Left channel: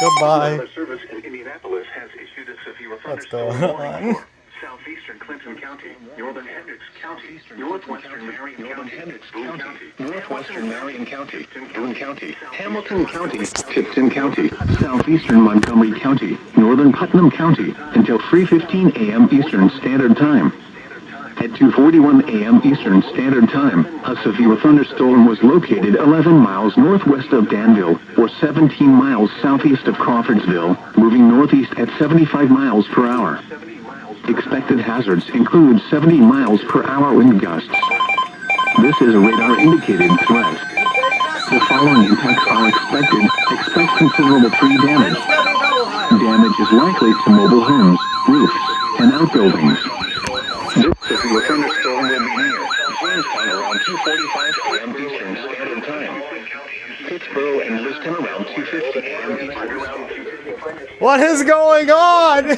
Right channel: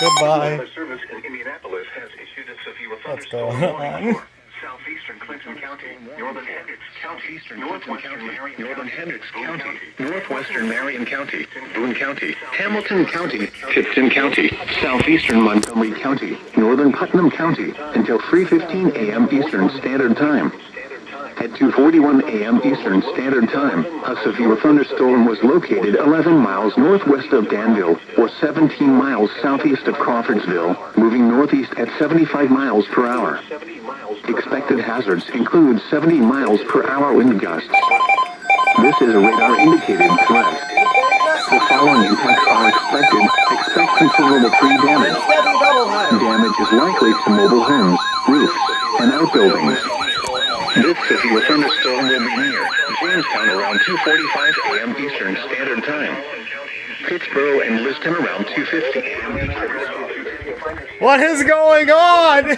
Goodbye. Service in Indianapolis has issued a severe What's thunderstorm going warning on? for southeastern Clinton County, northern Hendricks County, northwestern Marion County, Boone County, Hamilton County, Tipton County, southeastern Montgomery County, northern Putnam County, until 3:15 a.m. Eastern Standard Time. At 2:41 a.m. Eastern Standard Time, a severe thunderstorm was located 11 miles northwest of Danville, or 17 miles southeast of Crawfordsville, moving northeast at 75 miles per hour. Expected hazards include 70 miles per hour wind gusts. This is a radar-indicated threat. The following impacts are expected. Expect considerable tree damage. Damage is likely to mobile homes, roofs, and outbuildings. This severe thunderstorm will be near Jamestown around 2:45 a.m. Eastern Standard Time. Pittsboro and Liston around 2:50 a.m. What is going on? The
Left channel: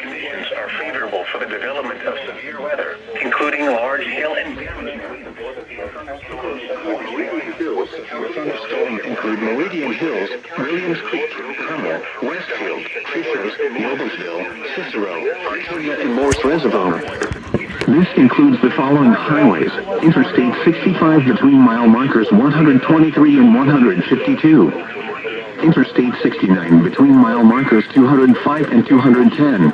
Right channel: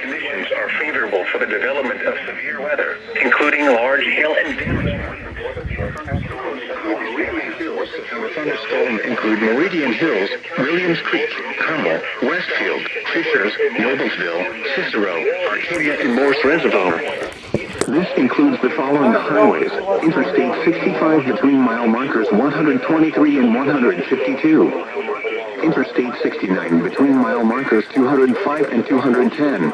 conditions are favorable for the development of severe weather, including large hail and damage. The thunderstorm include Meridian Hills, Williams Creek, Hummel, Westfield, Fishers, Noblesville, Cicero, Arcadia, and Morse Reservoir. This includes the following highways: Interstate 65 between mile markers 123 and 152. Interstate 69 between mile markers 205 and 210.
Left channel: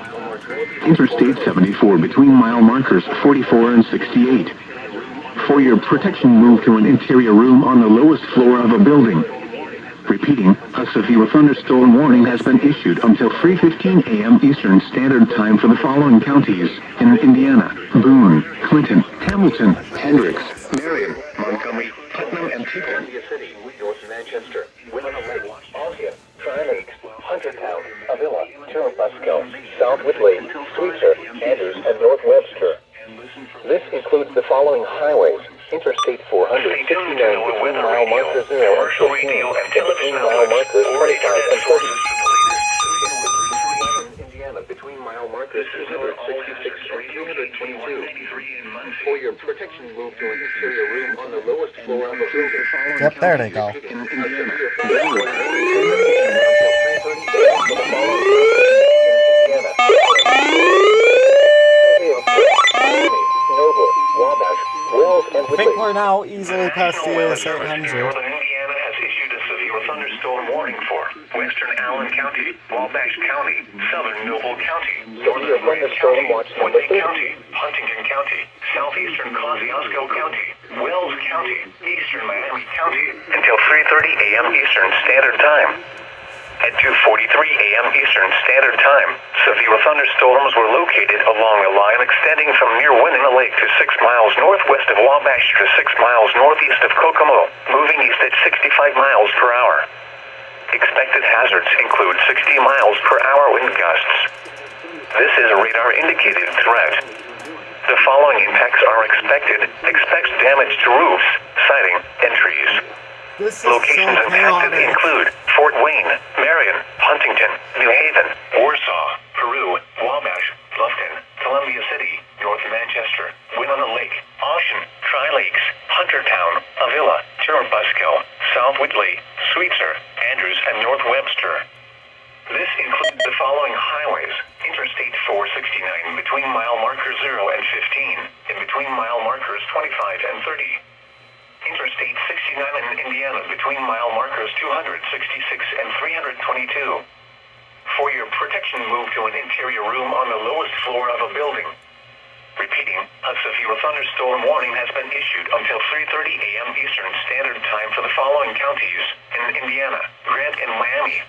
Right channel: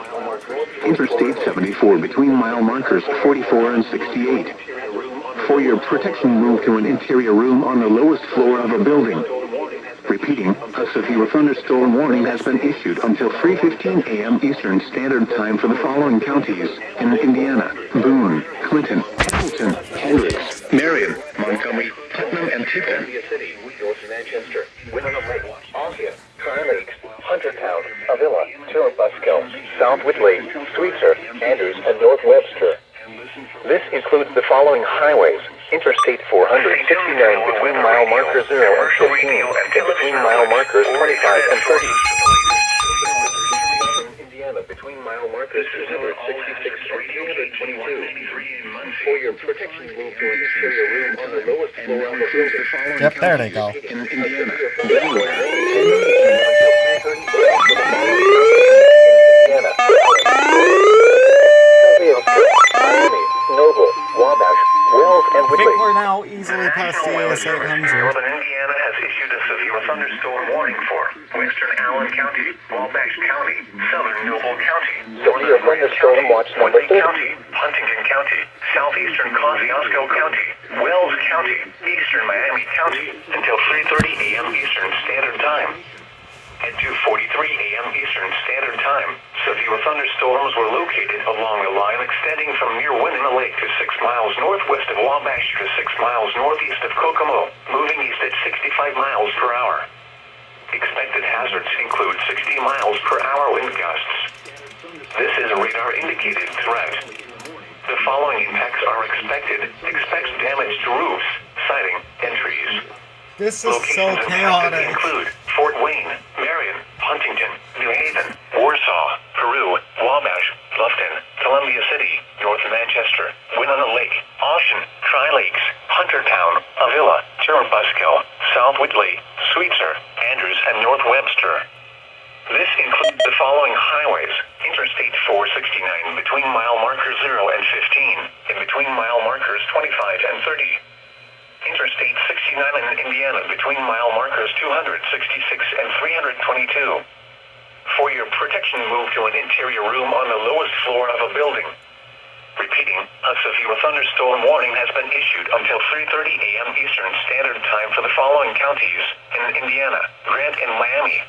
Interstate 74 between mile markers 44 and 68. For your protection, move to an interior room on the lowest floor of a building. Repeating, a severe thunderstorm warning has been issued until 3:15 a.m. Eastern Standard Time for the following counties in Indiana: Boone, Clinton, Hamilton, Hendricks, Marion, Montgomery, Putnam, and Tipton. Manchester, Winona Lake, Osceola, Tri-Lakes, Huntertown, Avila, Chirubusco, South Whitley, Sweetser, Andrews, and North Webster. This includes the following highways: Interstate 459 between mile markers 0 and 15, and between mile markers 25 and 30. Indiana between mile markers 266 and 322. For your protection, move to an interior room on the lowest floor of the building. Yep, there they go. In Indiana, Noble, Wabash, Wells, and I think we're now easily past the EAS 800. Northern Indiana has issued a severe thunderstorm warning for western Allen County, Wabash County, southern Noble County, northern Grant County, Whitley County, Huntington County, southeastern Kosciuszko County, Wells County, eastern Miami County, until 3:30 a.m. Eastern Standard Time. At 2:43 a.m. Eastern Standard Time, severe thunderstorms were located along a line extending from near Winona Lake to 6 miles northwest of Wabash to 6 miles northeast of Kokomo, moving east at 65 miles per hour. Expected hazards include 60 miles per hour wind gusts. This is a radar-indicated threat. The following impacts are expected. Expect damage to roofs, siding, and trees. This is so Locations impacted chaotic. include Fort Wayne, Marion, Huntington, New Haven, Warsaw, Peru, Wabash, Bluffton, Columbia City, North Manchester, Winona Lake, Ocean, Tri-Lakes, Huntertown, Avila, Chirubusco, South Whitley, Sweetser, Andrews, and North Webster. This includes the following highways: Interstate 469 between mile markers 0 and 15, and between mile markers 25 and 30. Interstate 69 in Indiana between mile markers 266 and 322. For your protection, move to an interior room on the lowest floor of a building. Repeating, a severe thunderstorm warning has been issued until 3:30 a.m. Eastern Standard Time for the following counties in Indiana: Grant and Miami,